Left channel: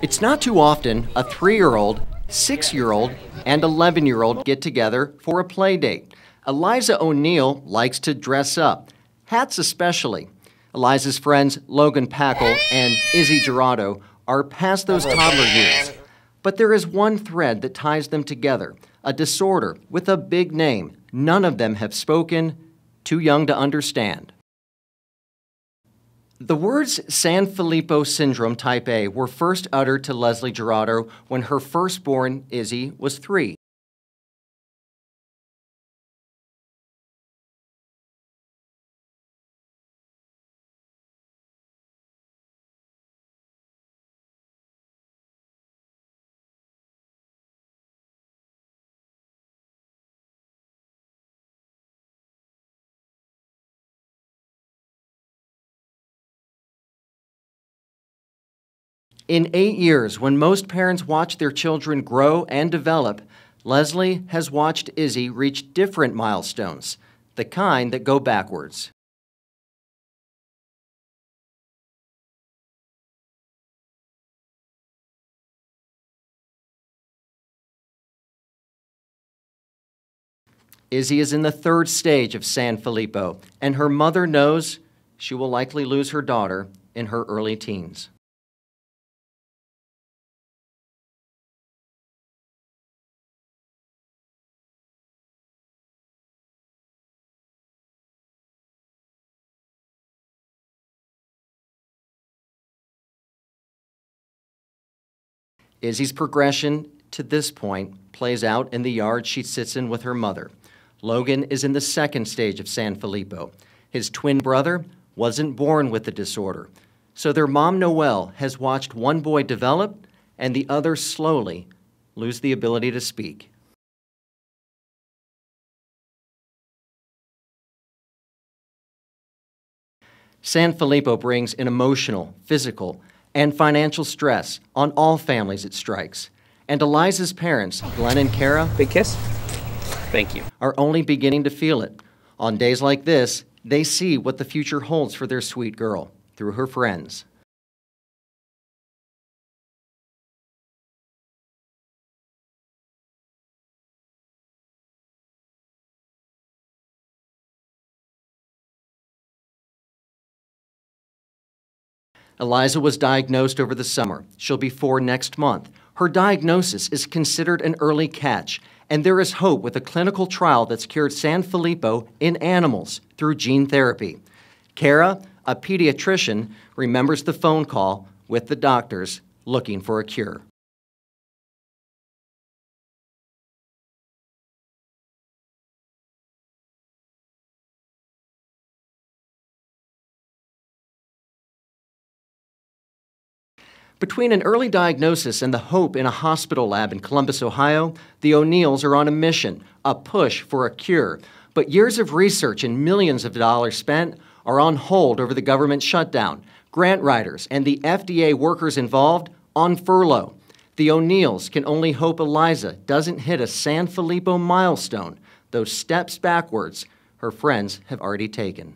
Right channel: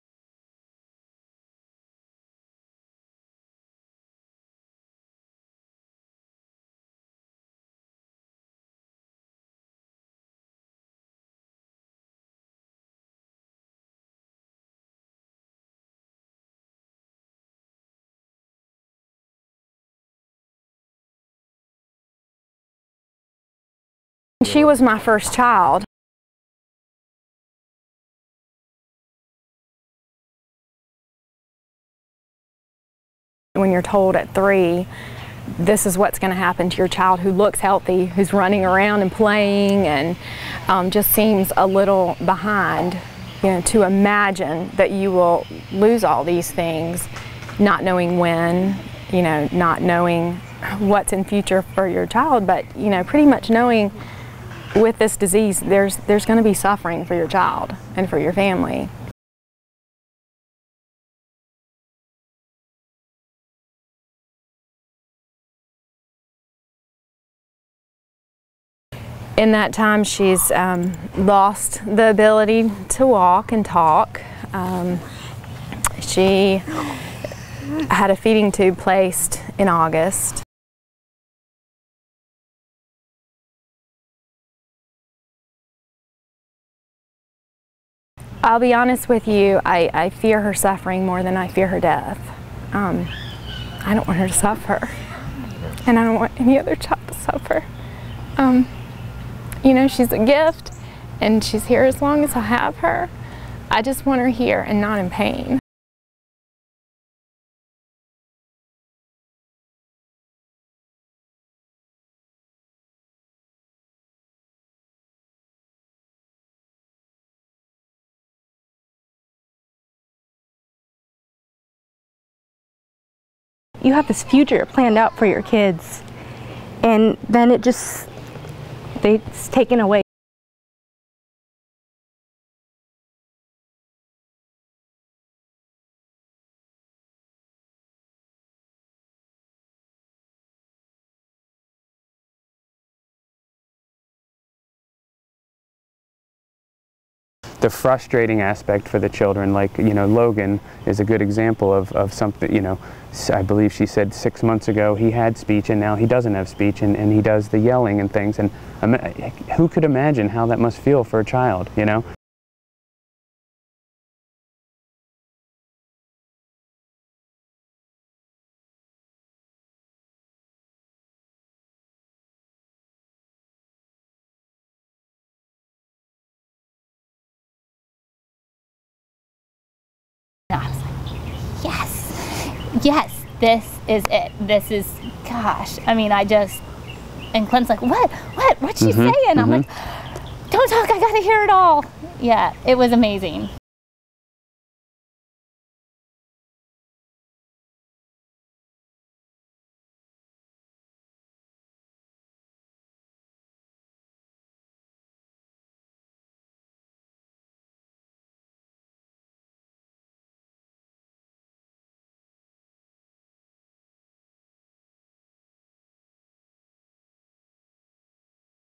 It's not too often a 3-year-old, 6-year-old, and 11-year-old get together for a play date. Eliza O'Neill likes to dress up, hats especially. Eliza's friends Logan Packle and Izzy Gerardo are past those toddler years. But there is one thread that ties them together, a disorder with a big name. None of them have spoken, too young to understand. She was my first child. The words San Filippo Syndrome type A were first uttered to Leslie Gerardo when her firstborn, Izzy, was 3. When you're told at 3, this is what's going to happen to your child who looks healthy, who's running around and playing and just seems a little behind, to imagine that you will lose all these things, not knowing when, not knowing what's in future for your child, but, pretty much knowing with this disease, there's going to be suffering for your child and for your family. In 8 years, when most parents watch their children grow and develop, Leslie has watched Izzy reach different milestones, the kind that go backwards. In that time, she's lost the ability to walk and talk. She had a feeding tube placed in August. Izzy is in the 3rd stage of San Filippo, and her mother knows she will likely lose her daughter in her early teens. I'll be honest with you, I fear her suffering more than I fear her death. I don't want her to suffer, and I don't want any other child to suffer. She's a gift, and she's here as long as I have her. I just want her here and not in pain. Izzy's progression to this point plays out in the yard she sits in with her mother. Logan is in the 2nd stage of San Filippo. His twin brother wasn't born with the disorder, so their mom, Noelle, has watched one boy develop and the other slowly lose the ability to speak. You have this future planned out for your kids, and then it's taken away. San Filippo brings an emotional, physical, and financial stress on all families it strikes. And Eliza's parents, Glenn and Kara, big kiss. Thank you. Are only beginning to feel it. On days like this, they see what the future holds for their sweet girl through her friends. The frustrating aspect for the children, like, Logan is a good example of something, I believe she said 6 months ago he had speech and now he doesn't have speech and he does the yelling and things. And who could imagine how that must feel for a child, Eliza was diagnosed over the summer. She'll be 4 next month. Her diagnosis is considered an early catch, and there is hope with a clinical trial that's cured San Filippo in animals through gene therapy. Kara, a pediatrician, remembers the phone call with the doctors looking for a cure. I was like, yes, this is it. This is, gosh. And Clint's like, what's she saying? I'm like, don't talk, I gotta hear it all. Yeah, it was amazing. Between an early diagnosis and the hope in a hospital lab in Columbus, Ohio, the O'Neills are on a mission, a push for a cure. But years of research and millions of dollars spent are on hold over the government shutdown, grant writers and the FDA workers involved on furlough. The O'Neills can only hope Eliza doesn't hit a San Filippo milestone, those steps backwards her friends have already taken.